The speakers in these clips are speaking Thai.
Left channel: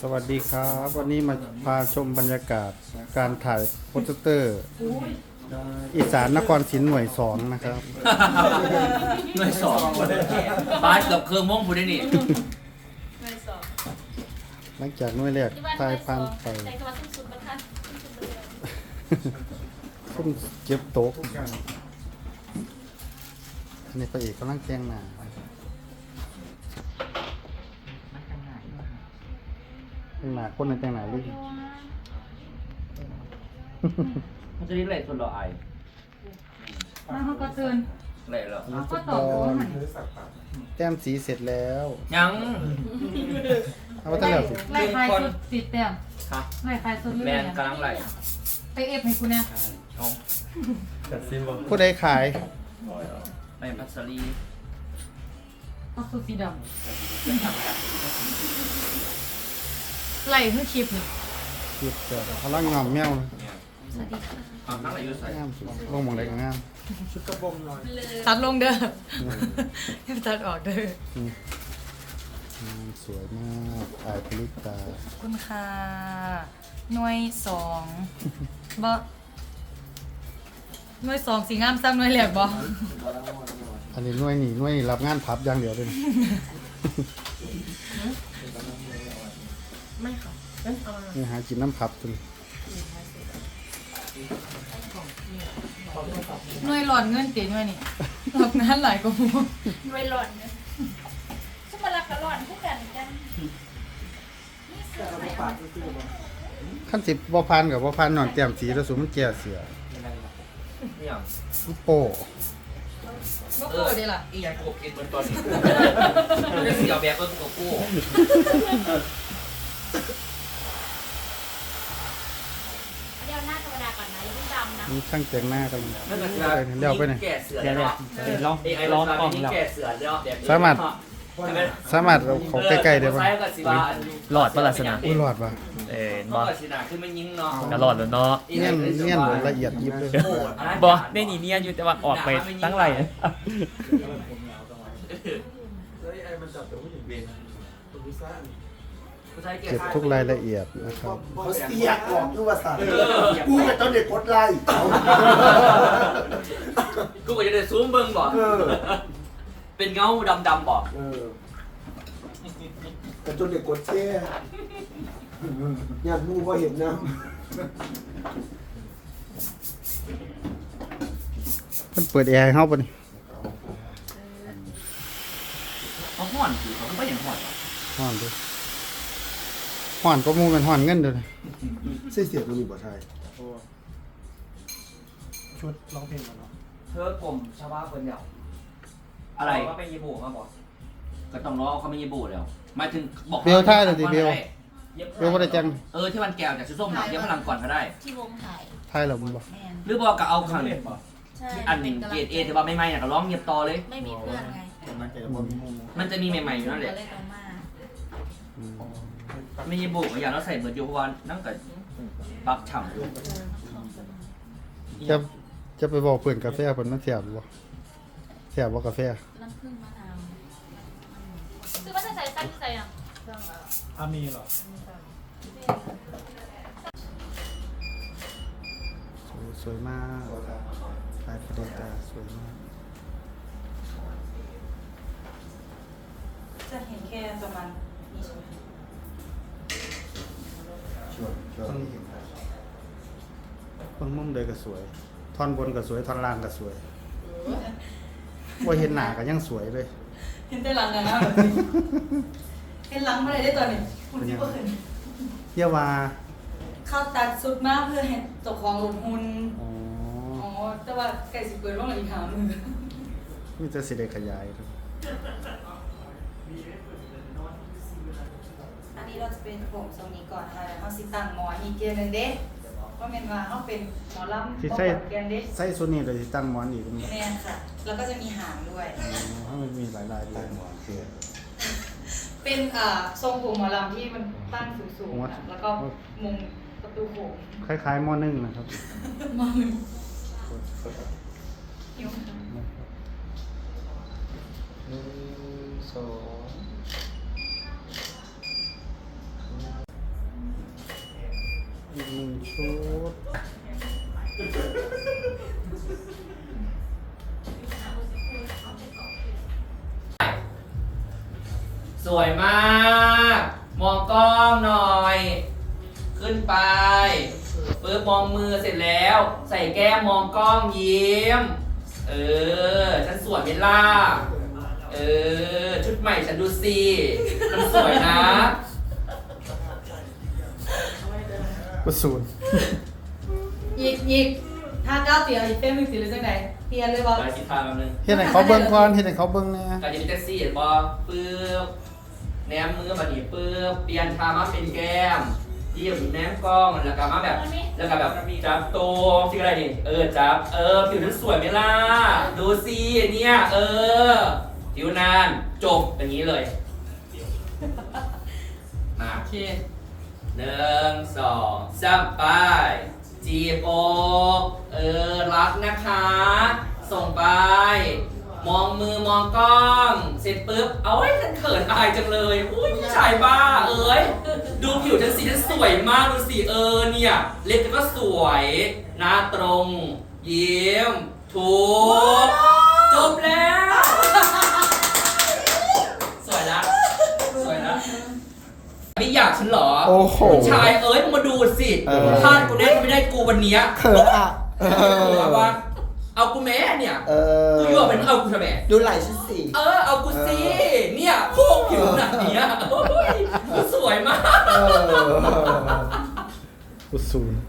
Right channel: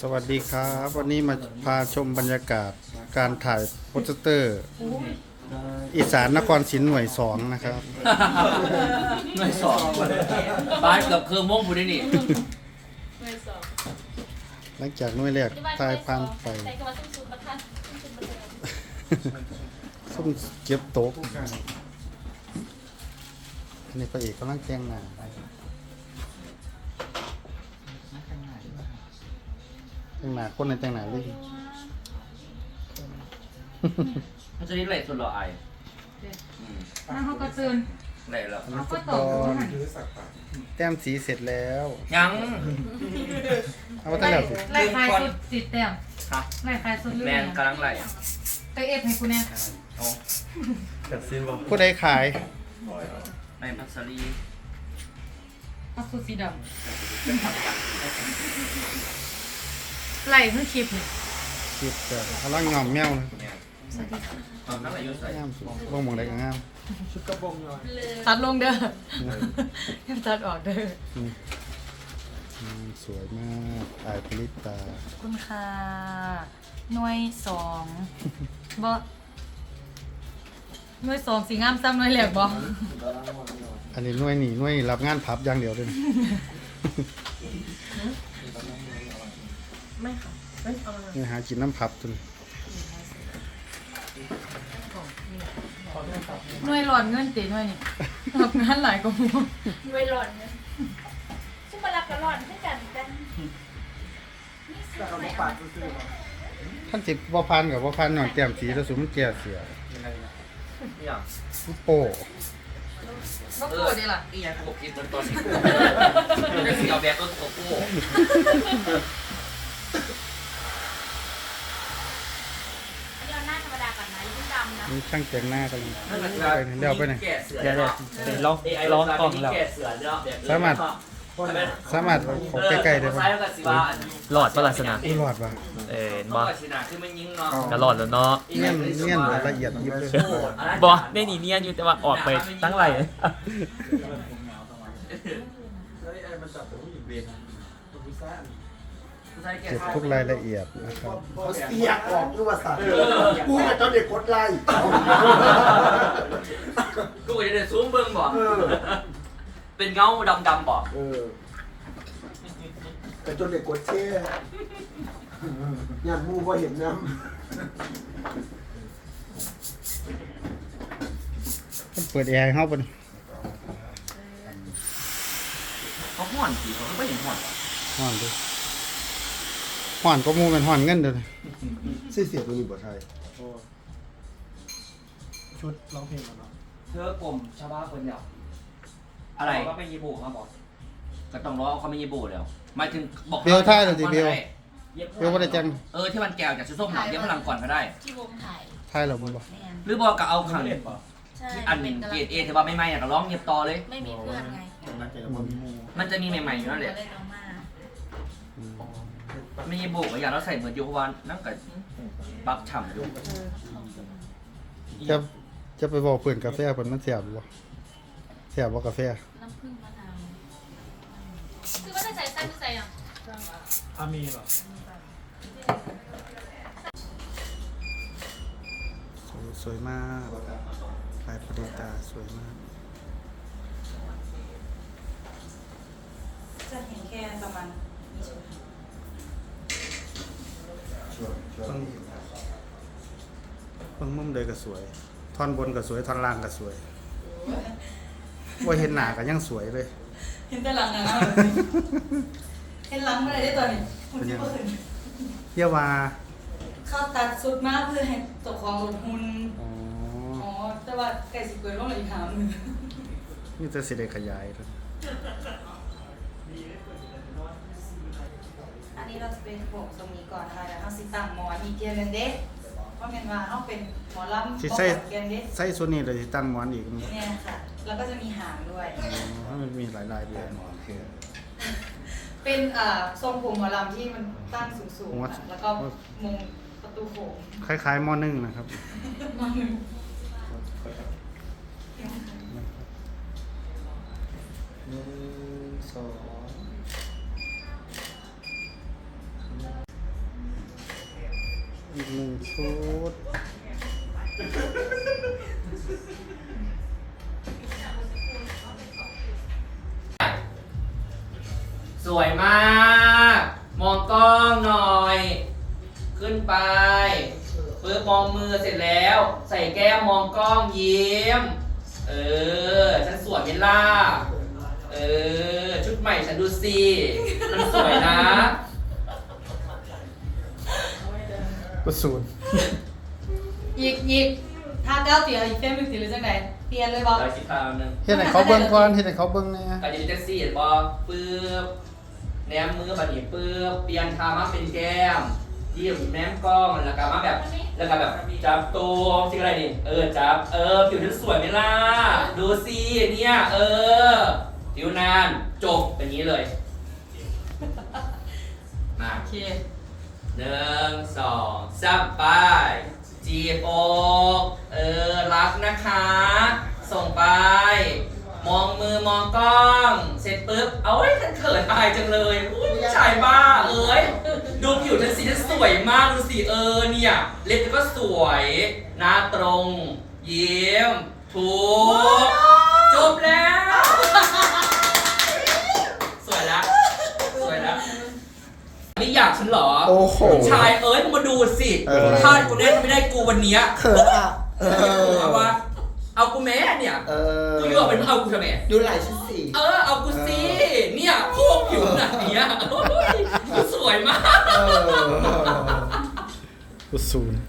สวัสดีครับ วันนี้มาพาชมบรรยากาศการถ่ายโปสเตอร์ อีสานนครศรีหน่วยสองนะครับ หน่วยสองบ้านเกือบเครื่องม่วงพูดได้นี่ไม่สองหลังจากหน่วยแรกถ่ายพันไปใส่กระบะซุ่มซุ่มประทัดซุ่มซุ่มประทัดส้มเก็บโต๊ะอันนี้พระเอกกำลังแต่งหน้า แต่งหน้าคนในแต่งหน้าลิงมันจะเรียกอะไรส่วนรอไอมันเขาก็ตื่นอะไรเหรออันนี้ฟุก็ตตบกอลมันแต้มสีเสร็จแล้วยัง เอาว่าตั้งแล้วสิไล่คลายสุดสิบแต้มฮะไล่คลายสุดแมนกำลังไหลไปเอฟให้กูเนี่ยเอาผู้ใดขายในพัสดีเอาสุดสีดำ ไล่ขึ้นคลิปนี่คิดจะกำลังงอมแมวนะเอานั่งไหลอยู่ใส่งามสุดลงหมองใดก็งามตัดลงเด้อยังตัดออกเด้ออืมงามสวยมากอายปริตาขอบคุณค่ะหน่วยสองบ่หน่วยสองสีงามซ้ำหน่วยแหลกบ่อันนี้หน่วยหนีหน่วยรับงานพับอย่างเดียวเลยนะ ไม่ค่ะนี่หากินน้ำพับจนหน่วยหลอนเงินตีหน่วยนี่รับงานหลายกว่าหมู่ไม่หล่อนเนี่ยซุ่มมารับกระหล่อนให้กันจ้ะขั้นสิบบ่พันกับบ่พันหน่อยแก้มสีแล้วสุมันแก่เสียนี่อย่างมันโป้บ่กูเด้ล่ะ อียังกูกินเหมือนตอนนี้ได้เสียวแบบต้นตัวกู เดี๋ยวหน้าธรรมดากันนะยิ่งดำนะ นี่ ช่างแต่งหน้ากันไปเดี๋ยวไปไหน เดี๋ยวเดี๋ยวเดี๋ยวลองลองกล่องแล้วสามารถ สามารถเอาเขอใกล้ๆได้ปะหลอดปะลักษณะอุ้ยรอดปะเออบ่บ่ชนะคือมันยิงเนาะก็หลอดแล้วเนาะเงี้ยนเงี้ยนละเอียดยิบเลยบ่ได้นี่เนียนอยู่แต่ว่าออกไปตั้งไร เก็บทุกรายละเอียดนะครับเขาเสียกออกด้วยว่าสัตว์กูกับเจ้าเด็กกดไล่กูก็จะได้ซูมเบิ่งบ่เออเป็นเงาดำๆบ่เออกับเจ้าเด็กกดแช่งานมูก็เห็นนะมันเปิดแอร์ให้เฮาปะนี่เขาห่อนสิเขาก็ยังห่อนว่ะฮ้อนดิ ฮ้อนก็มูเป็นฮ้อนเงินเด้อนี่เสียเสียตัวนี้บ่ใช่ชุดร้องเพลงแล้วเนาะเธอกลมชาวบ้านคนเดียวอะไรว่าเป็นยีโบมาบอกก็ต้องรอเขาไม่ยีโบแล้วหมายถึงบอกเบลท่าเลยดิเบลเบลบ่ได้จังเออที่มันแก้วจากส้มๆหนักเย็บพลังก่อนก็ได้ ที่วงถ่ายท้ายแล้วมึงบ่แมนหรือบอกก็เอาขันใช่อันเป็นกำลัเกงรดเอถือว่าไม่ไม่ก็ร้องเงียบต่อเลย ไม่มีเพื่อนไงมันจะมีใหม่ๆอยู่นั่นแหละเลยลง มาอืมไม่ยีโบก็อย่างเราใส่เหมือนอยู่เพราะว่านั่งกับปักฉ่ำอยู่จะจะไปบอกเพื่อนกาแฟเพิ่นมันแซ่บบ่แซ่บบ่กาแฟน้ำผึ้งมะนาวคือว่าจะใส่สั้นใส่อะสวยสวยมากลายประดิตาสวยมาก จะเห็นแค่ประมาณนี้ใช่ไหม เพิ่งเพิ่งมุมใดก็สวย ท่อนบนก็สวย ท่อนล่างก็สวยว่าเห็นหน้าก็ยังสวยเลย เห็นแต่หลังนะเห็นหลังมาเลยได้ตัวนี้หุ่นที่บ่ขึ้นเยาว่าเข้าตัดสุดมากเพื่อให้ตกของหลุดหุ่นอ๋ออ๋อแต่ว่าไก่สิเปิดลงอีกหามือ มีแต่สิได้ขยายเลย นนี้เราจะเป็นผมตรงนี้ก่อนค่ะแล้วเขาสิตั้งหมออีกเกมนึงเด้ว่าแม่นว่าเขาเป็นหมอลำสิใส่บ่เกันเด้ใส่ส่วนนี้เลยสิตั้งหมอนอีกมันบ่แม่นค่ะ แล้วก็จะมีหางด้วยอ๋อให้มันมีหลายลายด้วยโอเคเป็นอ่าทรงผมหมอลำที่มันตั้งสูงผมว่าๆอะแล้วก็มุมประตูโขงคล้ายๆหม้อนึ่งนะครับมาหนึ่งหิวหนึ่งสอง อีกหนึ่งชุด สวยมาก มองกล้องหน่อย ขึ้นไปปึ๊บมองมือเสร็จแล้ว ใส่แก้มมองกล้องยิ้ม เออ ฉันสวยไหมล่ะเออ ชุดใหม่ฉันดูสิมันสวยนะ ก็ศูนย์อีกอีกถ้าเจ้าเตียอีกเต้นหนึ่งสิหรือจังไดเตียนเลยบอไปคิดตามนึงเฮ็ดให้เขาเบิ่งก่อนเฮ็ดให้เขาเบิ่งแหน่การจะมีแท็กซี่เห็นบอปึ๊บแนมมือมาดิปึ๊บเปลี่ยนทามาเป็นแก้มยิ้มแนมกล้องแล้วก็มาแบบ แล้วก็แบบจับตัวสิ่งอะไรนี่เออจับ เออผิวฉันสวยไหมล่ะดูสิเนี่ย เออ ผิวนานจบอย่างนี้เลยมาโอเค หนึ่งสองสามไปจีบอกเออ รักนะคะ ส่งไป มองมือมองกล้อง เสร็จปุ๊บ เอาไว้ยฉันเขินอายจังเลยอุ้ยผู้ชายบ้า เอ้ย ดูผิวฉันสิฉันสวยมาก ดูสิเออเนี่ย เล็บฉันก็สวย หน้าตรง ยิ้ม ถูกจบแล้ว สวยละสวยละ นี่อยากฉันเหรอ โอ้โห ชายเอ้ยมึงมาดูสิเออ พลาดกูแน่ถ้าไม่ได้กูวันเนี้ยเขินอะเอเอาอวะเอากูแม่เนี่ยเออกูอยู่กับเป็นเอากูทำไม ดูไหล่ฉันสิเออเอากูสิเนี่ยโคกผิวขนาดเนี้ยโอ้ยกูสวยมาก เออก็ศูนย์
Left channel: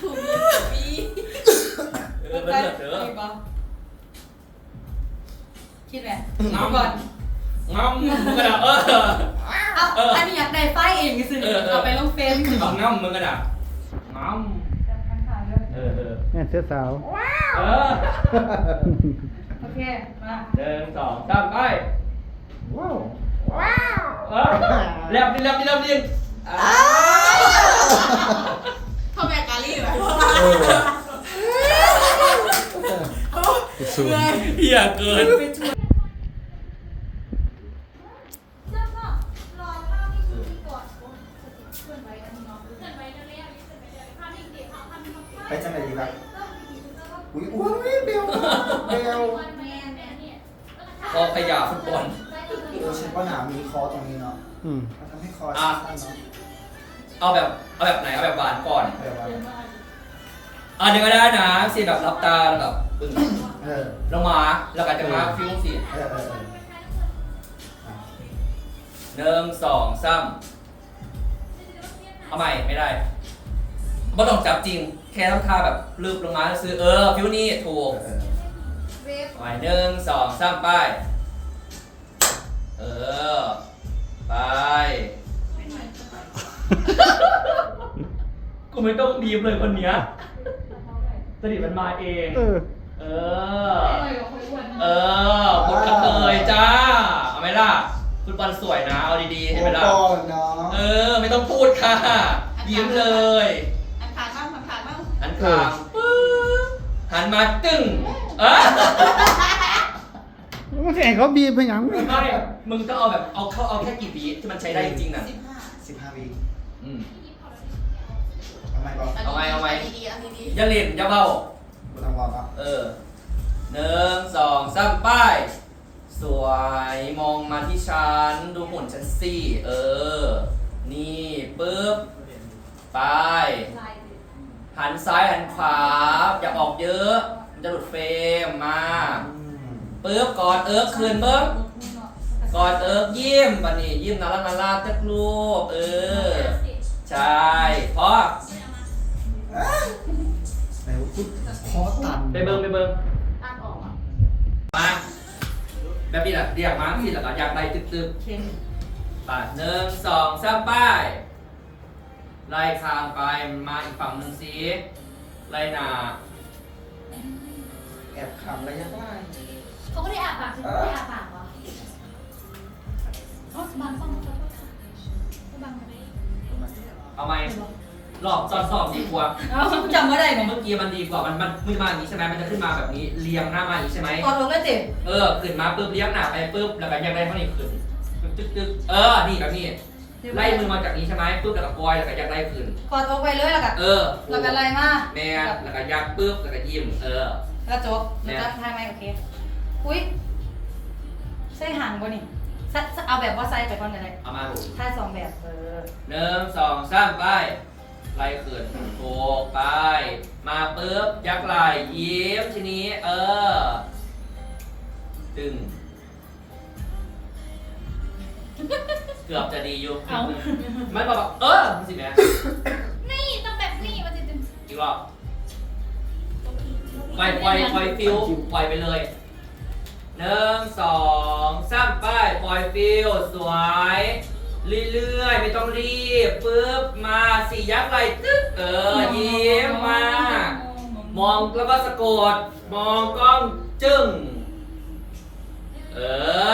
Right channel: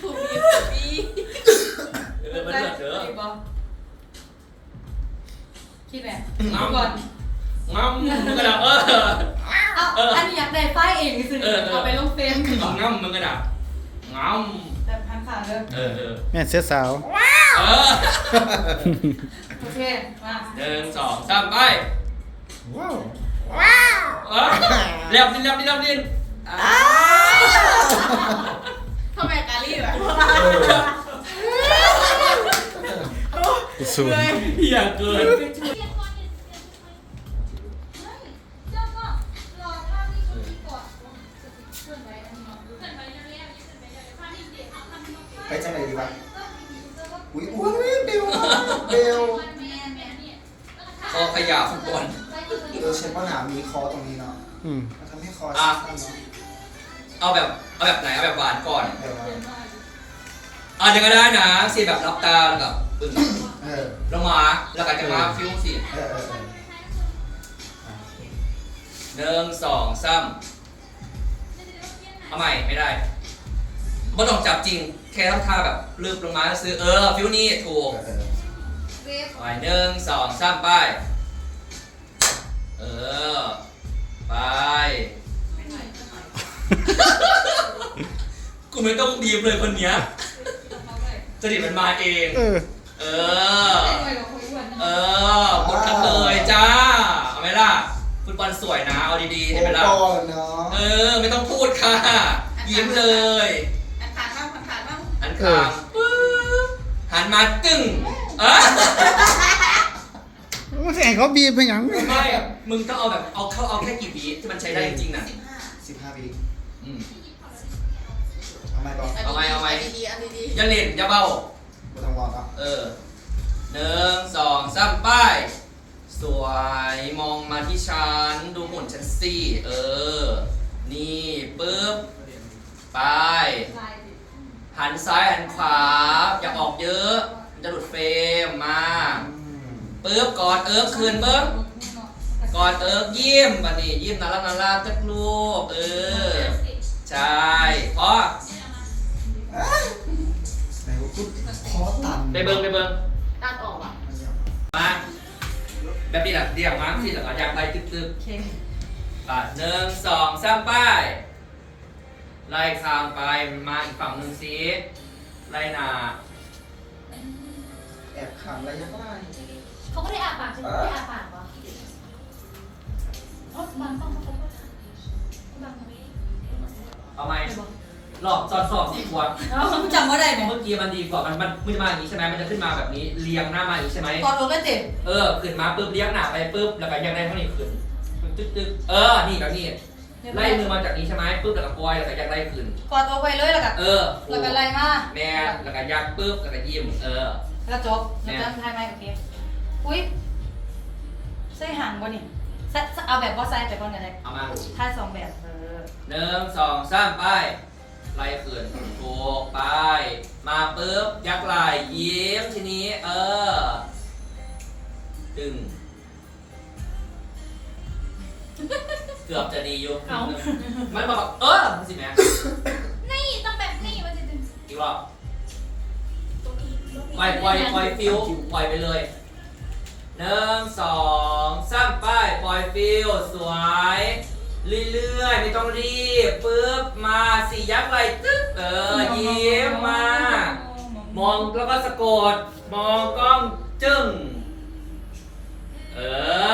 ถูกมีปีเออได้เลิศเด้ออีกบอคิดไหมงามก่อนงามมึงกระดาเออ เอาอันนี้อยากได้ไฟล์เองสิเออเออ เอาไปลงเฟซเอางามมึงกระดางามแต่ทางขาเด้อเออเออแม่นเสียสาว เออโอเค มาหนึ่งสองสามไปว้าวเออแลบดินแลบดินแลบดินอ่าทำไมกาลี่แบบก็ศูนย์เหี้ยเกินแคอขยะฟุตบอลเออฉันว่าหนามีคอตรงนี้เนาะอืมมันทำให้คอสั้นเนาะเอาแบบเอาแบบไหนเอาแบบหวานก่อนเออวะอะเดี๋ยวก็ได้นะสีแบบรับตากับปึ้งเออลงมาแล้วก็จะมาฟิวสิเออเออเออหนึ่งสองสามเอาใหม่ไม่ได้บ่ต้องจับจริง แค่ทำท่าแบบลึกลงมาซื้อเออฟิวนี่ถูก เออเวฟไปหนึ่งสองสามไป เออ ไป กูไม่ต้องดีมเลยคนเนี้ยจริตมันมาเอง เออ เออ เออบทกระเทยจ้า เอาไหมล่ะฟุตบอลสวยนะ เอาดีๆเห็นไหมล่ะโอ้ก่อนเนาะเออ ไม่ต้องพูดค่ะ ยิ้มเลย อันขาดบ้างอันขาดบ้างหันข้างปึ๊บหันมาตึ้ง เออมันสิให้เขาบีบไปหยังไม่มึงต้องเอาแบบเอาเข้าเอาแค่กี่บีที่มันใช้ได้จริงๆนะสิบห้าสิบห้าวิอืมเอาไหมบอกเอาไว้เอาไว้ดีๆอันดีอย่าเล่นอย่าเบา ไม่ต้องรอเนาะเออหนึ่งสองสามป้าย สวยมองมาที่ฉัน ดูหุ่นฉันสิเออ นี่ปึ๊บไปหันซ้ายหันขวาอย่าออกเยอะมัน จะหลุดเฟรมมาอืมปึ๊บกอดเอิร์กคืนเบิ้งกอดเอิร์กยิ้มปะนี่ยิ้มนารานาราจักลูกเออใช่พอไหนว่าพูดคอตันไปเบิ้งไปเบิ้งๆตัดออกอะมาแบบนี้แหละเรียกมาสิแล้วก็อยากได้ตึกตึกโอเคๆปัดหนึ่งสองสามป้ายไล่ข้ามไปมาอีกฝั่งหนึ่งสิไล่หนาแอ บขำระยะใกล้เขาไม่ได้อาปากใช่ไหมไม่ได้อาปากวะอ๋อบางต้องเขาก็บางเอาไหมรอบซ้อนสอบดีกว่าเอาคุณจำว่าได้ไหมเมื่อกี้มันดีกว่ามันมันมันจะมาอย่างนี้ใช่ไหมมันจะขึ้นมาแบบนี้เรียงหน้ามาอย่างนี้ใช่ไหมก่อนลงก็เจ็บเออขึ้นมาปุ๊บเลี้ยงหน้าไปปุ๊บแล้วก็ยังได้เท่านี้ขึ้นตึ๊กตึ๊กตึ๊กเออนี่แบบนี้ไล่มือมาจากนี้ใช่ไหมปุ๊บแล้วก็ปล่อยแล้วก็ยักไล่คืนกอดอกไปเลยแล้วก็เออแล้วก็อะไรมาแม่แล้วก็ยักปุ๊บแล้วก็ยิ้มเออ แล้วจบแล้วก็ทายไหมโอเค อุ้ยใส่ห่างบ่นี่ใส่เอาแบบว่าใส่ไปก่อนกันเลยเอามาถ้าสองแบบเออหนึ่งสองสามไปไล่คืนโอ้ไป มาปุ๊บยักไหล่ยิ้มทีนี้ เออ ดึง เกือบจะดีอยู่มันบอกว่าเออสิแม่นี่ต้องแบบนี้มันจะถึงอีกรอบ ปล่อยปล่อยปล่อยฟิวปล่อยไปเลยหนึ่งสองสามไปปล่อยฟิวสวย เรื่อยๆ ไม่ต้องรีบปึ๊บมาสี่ยักษ์ไหลตึ๊บเออยิ้มมา มองแล้วก็สะกด มองกล้องจึ้งเอ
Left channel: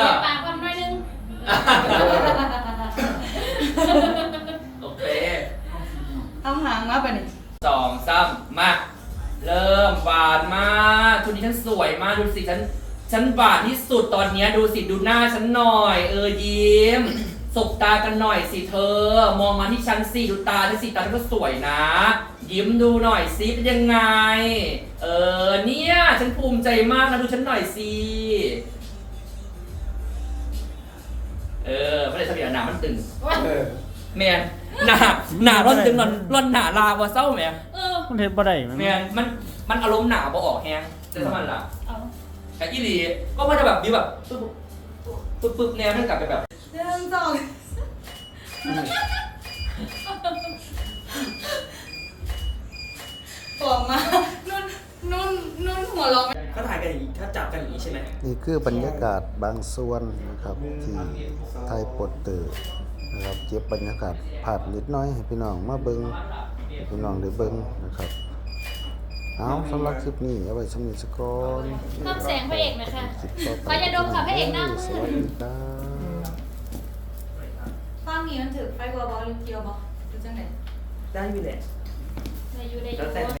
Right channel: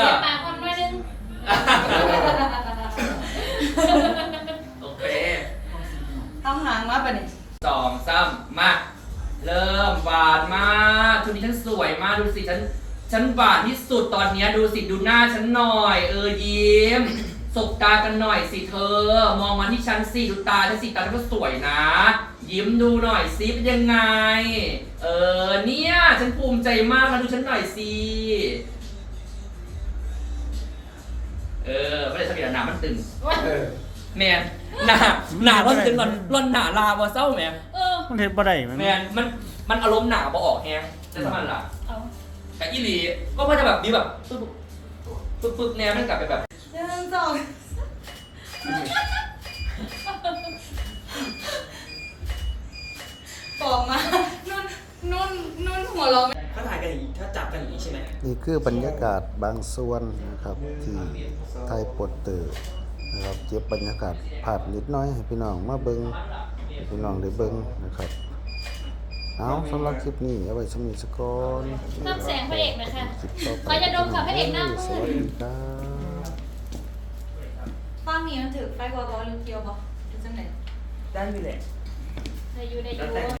อเดี๋ยวปากความด้วยนึงโอเคทำหางมาปะนี่สองสามมา เริ่มหวานมากชุดนี้ฉันสวยมากดูสิฉันฉันหวานที่สุดตอนเนี้ยดูสิดูหน้าฉันหน่อย เออยิ้มสบตากันหน่อยสิเธอ มองมาที่ฉันสิดูตาฉันสิตาฉันก็สวยนะ ยิ้มดูหน่อยสิเป็นยังไง เออเนี่ยฉันภูมิใจมากนะดูฉันหน่อยสิเออไม่ได้สมีหนามันตึงเออ แมนหนาหนาร่อนตึงร่อนร่อนหนาลาวะเศร้าแมนเออ มันเฮ็ดบ่ได้มันแมนมันมันอารมณ์หนาบ่ออกแฮงจะทำมันล่ะเอาแต่อีหลีก็มันจะแบบมีแบบปึ๊บปึ๊บปึ๊บแนวมันกลับไปแบบ หนึ่งสองปอกมา นุ่น นุ่น นุ่นหัวเราะถ้าถ่ายกันอย่างนี้ถ้าจับกันอย่างนี้ใช่ไหมนี่คือบรรยากาศบางส่วนนะครับที่ไทยโปสเตอร์นะครับเก็บบรรยากาศภาพนิดหน้อยให้พี่น้องมาเบิ่งให้ พี่น้องได้เบิ่งนะครับ เอาสำหรับคลิปนี้เอาไว้สำนี้สก่อนน้ำแสงพระเอกไหมคะคลิปต่อไปขออย่าดมค่ะพระเอกน้ำสวัสดีครับฟังนี้มันถือไฟบัวบอลหรือเกียวบอหรือจังไหน ได้อยู่แหละอยู่ในแล้วแต่